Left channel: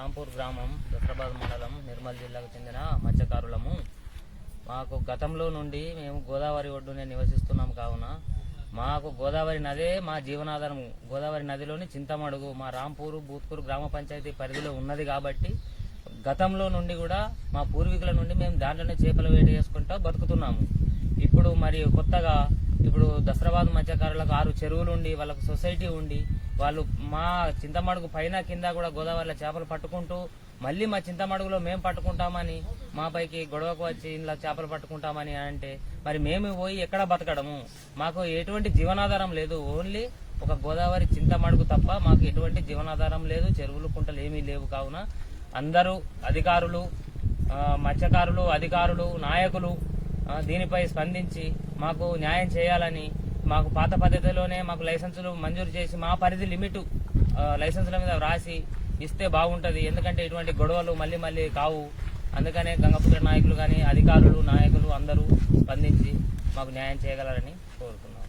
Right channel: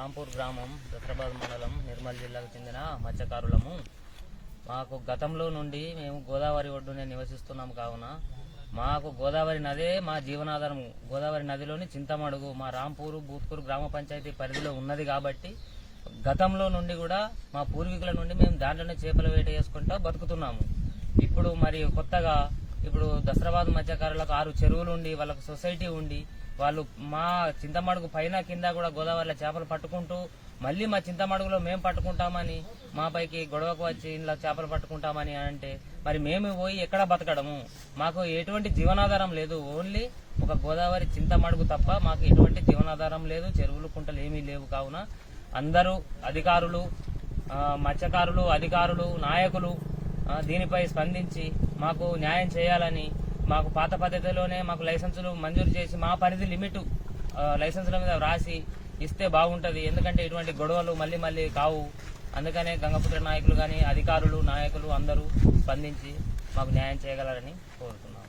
రాంపూర్ గ్రామం దసరాబాద్ మండలం నిర్మల్ జిల్లాకు చెందిన మత్స్యకారులము. మాకు గతంలో నుండి మేము గోదావరి ఒడ్డునే నివసిస్తున్నాం కావున మాకు గోదావరి నదే మా జీవనాధారము. గోదావరి నదిలోని చింతమడుగు మా రాంపూరు బూత్కూరు గ్రామ పంచాయతీ పరిధిలో ఉన్నది కాబట్టి గతంలో నుండి కూడా మా పూర్వీకుల నుండి మేము దాంట్లోనే చేపల వేట చేసుకుంటూ బతుకుతున్నాము. ఇప్పుడు మరి కొత్తగా ఇప్పుడు దసరాబాద్ మత్స్యకారులకు 6 చెరువులు ఉండి వాళ్ళకు సొసైటీ ఉండి వాళ్ళు మా చింతమడుగు పైన కింద కూడా గోదావరిలో చేపలు పట్టుకుంటూ మళ్ళీ మా చింతమడుగులో మేము పట్టుకుంటామని మా పైకి గొడవకు వచ్చి ఇలా చేపలు పట్టుకుంటామని అంటే మరి మేము పోయి ఎక్కడ బతకడము? మాకు ఎటువంటి జీవనాధారం లేదు. ఓన్లీ ఒక గోదావరి చింతమడుగు తప్ప మాకు ఎటువంటి జీవనాధారం లేదు. చెరువులు కుంటలు ఏమీ లేవు. కావున అందరూ అధికారులు, మత్స్యకారులు, అధికారులు, నాయకులు దీనిపై స్పందించి మాకు న్యాయం చేయాలని, మాకు పాత పద్ధతిలోనే మాకు లైసెన్సులు మంజూరు చేసి మా పరిధి లిమిట్ లైసెన్సుల మీద రాసి ఇస్తే బాగుంటది. ఎందుకంటే ఇటువంటి గొడవలు మళ్ళీ మళ్ళీ కావు. అందుకనే గంగపుత్ర నాయకులు కానీ అధికారులు, నాయకులు అందరూ స్పందించి మాకు న్యాయం చేయగలరని కోరుతున్నాం.